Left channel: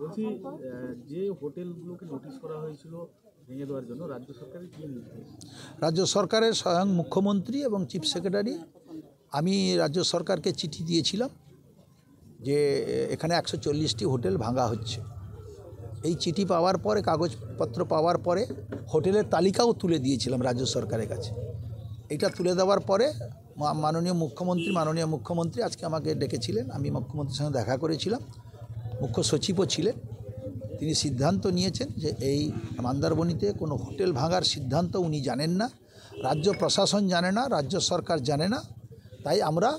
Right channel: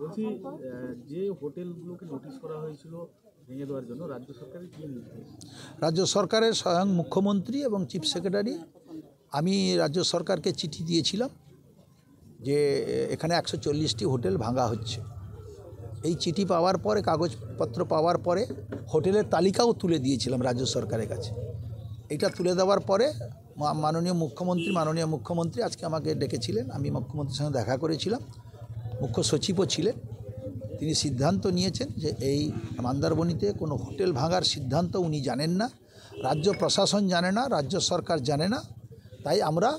বলছি যে হোটেলগুলোকে নোটিশ করা হয়েছিল ভেঙে দেওয়ার জন্য রাজ্য সরকারের কী নির্দেশ? রাজ্য সরকারের স্বয়ং মুখ্যমন্ত্রী এবং চিফ সেক্রেটারি, আমি রাজ্য সরকারকে চিঠি দিয়েছিলাম যে এখানে 140টি হোটেল ভাঙা হচ্ছে। এই চিঠি পাওয়ার পরে, কাগজপত্র পাওয়ার পরে হোটেলের তালিকাও তুলে দিয়েছিলাম রাজ্য সরকারের কাছে। এটা তুলে দেওয়ার পরে মাননীয় মুখ্যমন্ত্রী আজকে আমাকে ডেকেছিলেন। আমি মুখ্যমন্ত্রীর সঙ্গে দেখা করেছিলাম, মুখ্য সচিবও ছিলেন। তিনি সিদ্ধান্ত নিয়েছেন যে এই মন্দারমণিতে কোনো হোটেল ভাঙার সিদ্ধান্ত উনি জানেন না, রাজ্য প্রশাসন জানে না, রাজ্য সরকার জানে না। তাই আমরা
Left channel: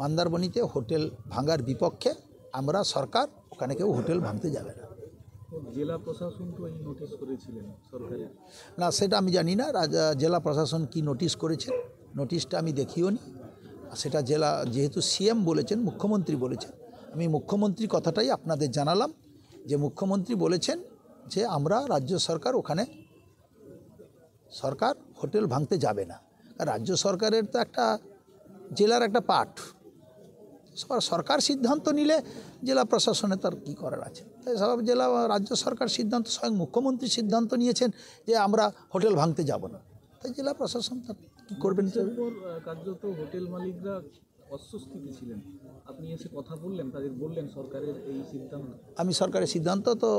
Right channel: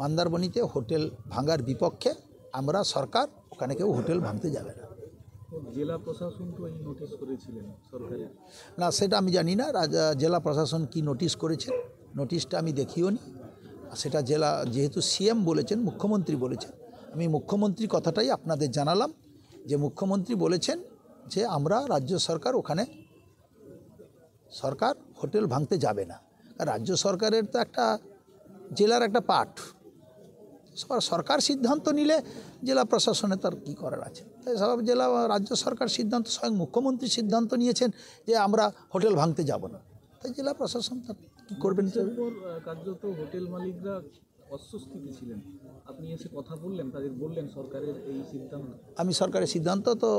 মন্দারমণিতে হোটেল ভাঙার বিপক্ষে। আমরা সরকার, ওখানে কেউ হোটেল ভাঙতে যাবে না। জেলা প্রশাসন তো এই নোটিশ করেছিলেন সরকারের? না, সেটা আমি জানি না জেলা প্রশাসন কি নোটিশ করেছেন। নোটিশটা আমি দেখিও নি। সেটা জেলা, যেহেতু সিএম বলেছেন, মুখ্যমন্ত্রী বলেছেন, আমি মুখ্যমন্ত্রী কথাটাই আপনাদের জানালাম যে মুখ্যমন্ত্রী বলেছেন যে আমরা রাজ্য সরকার, ওখানে সরকার হোটেল ভাঙতে যাবে না। রাজ্য সরকারের তো একটা জেলার একটা পার্ট, সরকার সিদ্ধান্ত নিলে জেলা প্রশাসনে তার কী করার আছে। তাই সব রাজ্য সরকার সিদ্ধান্ত, স্বয়ং মুখ্যমন্ত্রী সিদ্ধান্ত নিয়েছেন যে আমরা হোটেল ভাঙতে যাব না। তাই জেলা প্রশাসন তার কী করবেন। কার্যত হোটেল মালিকরা অস্বস্তিতে ছিলেন, আপনি এসে কথা বললেন, তাদের বললেন সরকারের এই সিদ্ধান্ত? আমি সরকারের সিদ্ধান্ত তো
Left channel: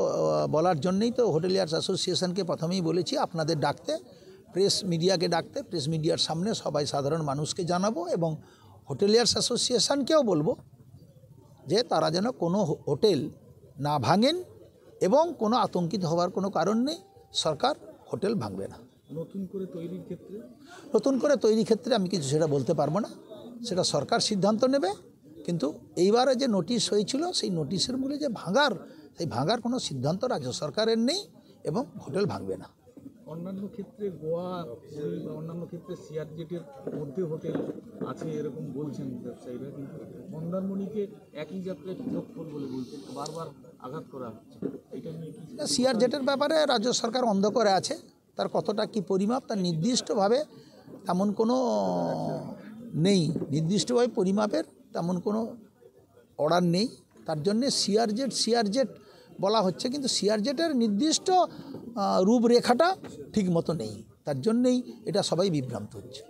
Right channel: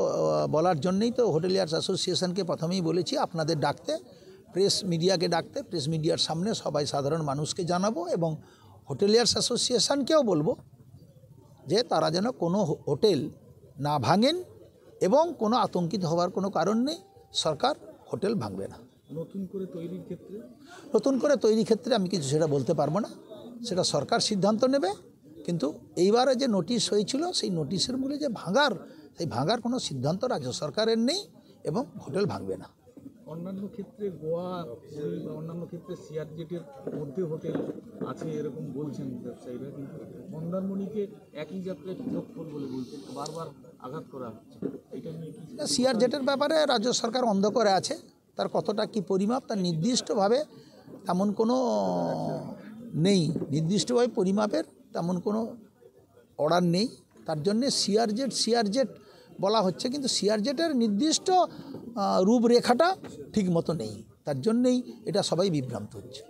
বলার জন্যই তো হোটেলিয়ার্স অ্যাসোসিয়েশনকে প্রথমেই বলেছি আপনাদের ডাকতে, প্রেস মিডিয়াকে ডাকতে, প্রেস মিডিয়ার সামনে সবাই সাধারণ মানুষকে জানাবো এবং হোটেলিয়ার্স অ্যাসোসিয়েশনকেও বলবো যে তারা যেন কোনো হোটেল না ভাঙেন এবং কোনো আতঙ্কিত হওয়ার কোনো কারণ নেই। সরকার হোটেল ভাঙবে না। নতুন করে তৈরির ক্ষেত্রে আমি কিছু সেটা বলতে পারবো না, সেটা সরকার সিদ্ধান্ত নেবে। কিন্তু এইবারে যে নোটিশ হয়েছিল, সেই নোটিশের মূলে যে সেই ভাঙার কোনো সিদ্ধান্ত রাজ্য সরকারের নেই এবং হোটেল ভাঙবে না। অন্যান্য ক্ষেত্রে গোয়া বা অন্যান্য ক্ষেত্রে সিআরজেটের মধ্যে হোটেল আছে এরকম বলছেন ব্যবসায়ীরা, কিন্তু মন্দারমণিকে একই যাত্রায় পৃথক বলে বলছেন, বারবার আঘাত করা হচ্ছে। এটা নিয়ে কি? সিআরজেটের ব্যাপারে রাজ্য সরকার অন্ধ করে আছে। তার কতটা কি পরিমাপ, তার নির্দিষ্টভাবে তেমন কোনো নেই, নির্দিষ্টভাবে পরিমাপের তেমন কোনো অর্ডার নেই। তার জন্যে সিআরজেট বলা হচ্ছে, কিন্তু সিআরজেটের নির্দিষ্ট রূপরেখাটা ঠিক মতো নেই। তার জন্যেই এটা সবাই বিভ্রান্ত হচ্ছে।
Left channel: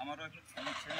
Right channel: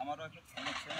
আমারও একটা সমস্যা